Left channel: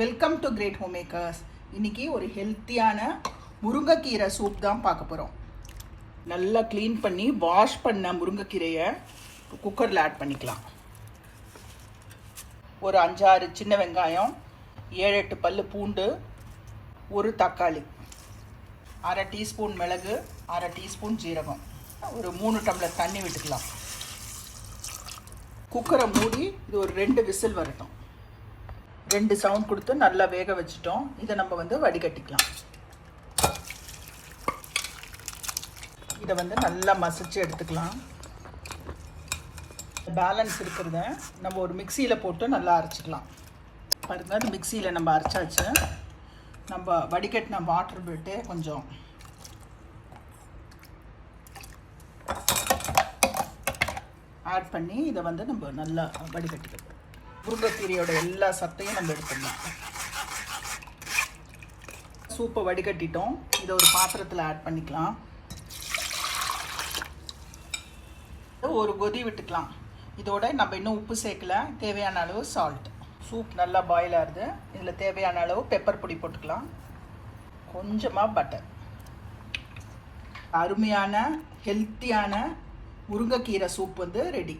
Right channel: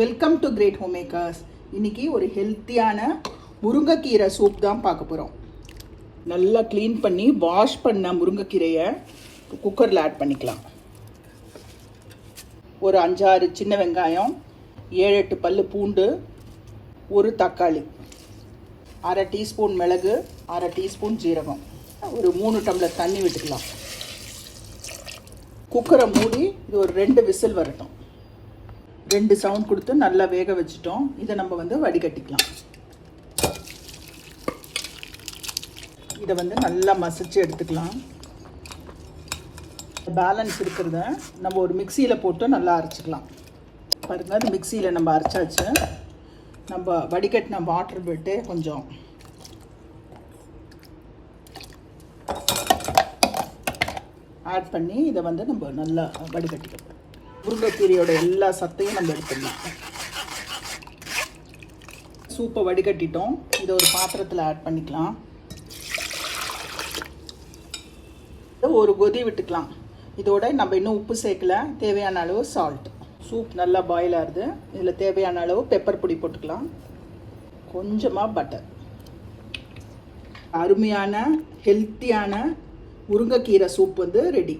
Welcome to great home makers. இன்னைக்கு ஒரு ஹெல்த்தியான முருங்கைக்கீரை சூப் தான் பார்க்க போகிறோம். நல்லா க்ளீன் பண்ணி வாஷ் பண்ண முருங்கைக்கீரையை குக்கரில் ஆட் பண்ணிக்கலாம். ஒரு 5-6 சின்ன வெங்காயம், 7-8 பல்லு பூண்டு, ஒரு தக்காளி, 1/2 டீஸ்பூன் மிளகு, 1/2 டீஸ்பூன் ஜீரகம், ஒரு 3 டம்ளர் தண்ணி விட்டுக்கலாம். குக்கரை மூடி இது ஒரு 2 விசில் வரட்டும். 2 சவுண்ட் கொடுத்து நல்லா வேக வச்சுட்டோம். இதை நம்ம வடிகட்டிக்கலாம். இதை நல்லா மசிச்சு எடுத்துக்கலாம். பேலன்ஸ் இருக்கிறத நம்ம ஒரு மிக்சியில் போட்டு நல்லா அரைச்சிக்கலாம். பாருங்க, மிக்சியில் நம்ம அரைச்சாச்சு. நம்ம வடிகட்டின வாட்டர் விட்டு கொஞ்சம் ஆட் பண்ணி இதை நம்ம நல்லா வடிகட்டிக்கலாம். முருங்கைக்கீரையோட எல்லா சத்தையும் நம்ம எடுத்துடலாம். சூப்பை வடிகட்டிட்டோம். இதை ஒரு பாத்திரத்தில் ஆட் பண்ணிக்கலாம். ஒரு கொதி விட்டுக்கலாம். இதோட நம்ம இன்னும் உப்பு சேர்க்கல. தேவையான அளவு சால்ட். சூப் நல்லா பாயில் ஆகுது. இதில் தேவையான அளவு பெப்பர் பொடி போட்டுக்கலாம். கொஞ்சமாக பட்டர். அருமையான ஹெல்த்தியான முருங்கைக்கீரை சூப் ரெடி.